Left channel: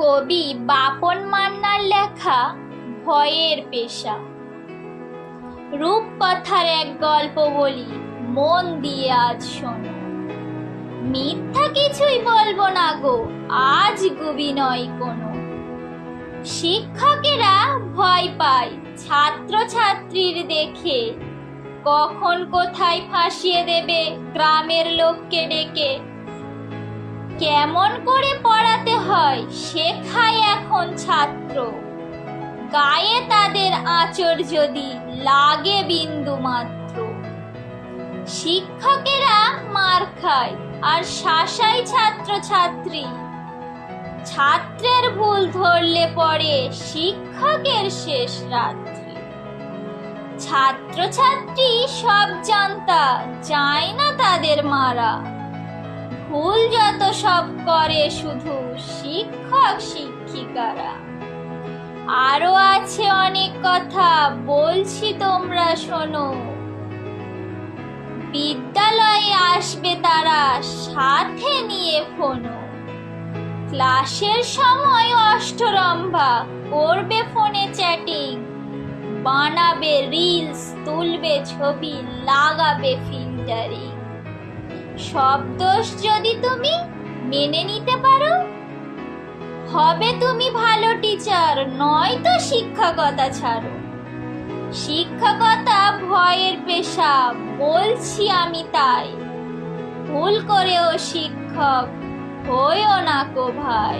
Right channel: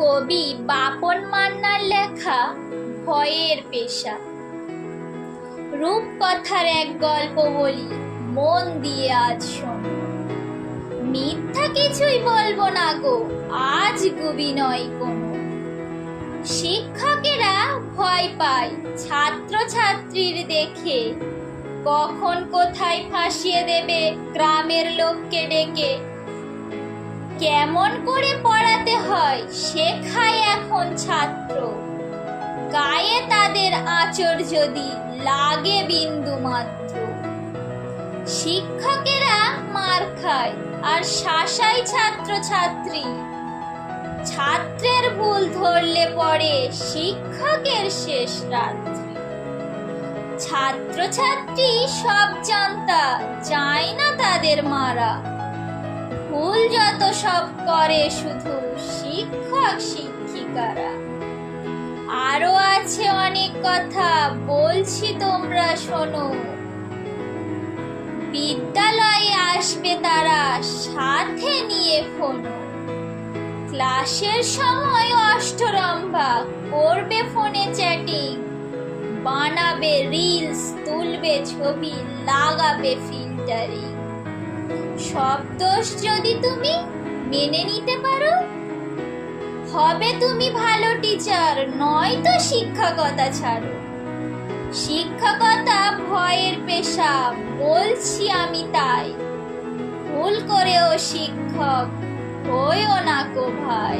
কবি বাপন মান্নার লেখা ভয়ের পেশা। রূপকথার এক গল্প বলি, মন দিয়ে আজ শোনো। মিথ্যা কিছুই বলব না গো, আজ গুবি নয় কোনো। শিক্ষকেরা ভয় পায় ছাত্র ছাত্রীর দেখে। কখন কোথায় ফাঁসিয়ে দেবে, গ্রামের লোককে ডেকে। কেমন করে পড়াতে হয় শেখায় এখন ছাত্র। গায়ে তাদের আঁচড় যদি লাগে বিন্দু মাত্র। শিক্ষকেরা মার খায় আর শাসায় ছাত্র ছাত্রী ছাত্রের ভুল ধরলে পরে শিক্ষকের শেষ রাত্রি। ছাত্রছাত্রী সব জানতা, যায় না তাদের মারা। ভুল যত সব করে শুধু শিক্ষক শিক্ষিকারা। আরও আছে অনেক কথা, বলছি তোমরা শোনো। বিদ্যালয়ে আসবে তারা, সাথে নিয়ে ফোনো। ক্লাসের সময় অষ্টরম্ভা, করবে ফোনে চ্যাটিং। বানাবে রিলস, তুলবে ছবি, লাগাবে ফিল্টারিং। সব দোষ যদি তুমি মেনে নিতে পারো, হবে তুমি ভালো টিচার নয় তো শিক্ষকতা ছাড়ো। শিক্ষকতা ভয়ের পেশা, বলছি আমি তাই। ভুল করেও শিক্ষক হইও না কো ভাই।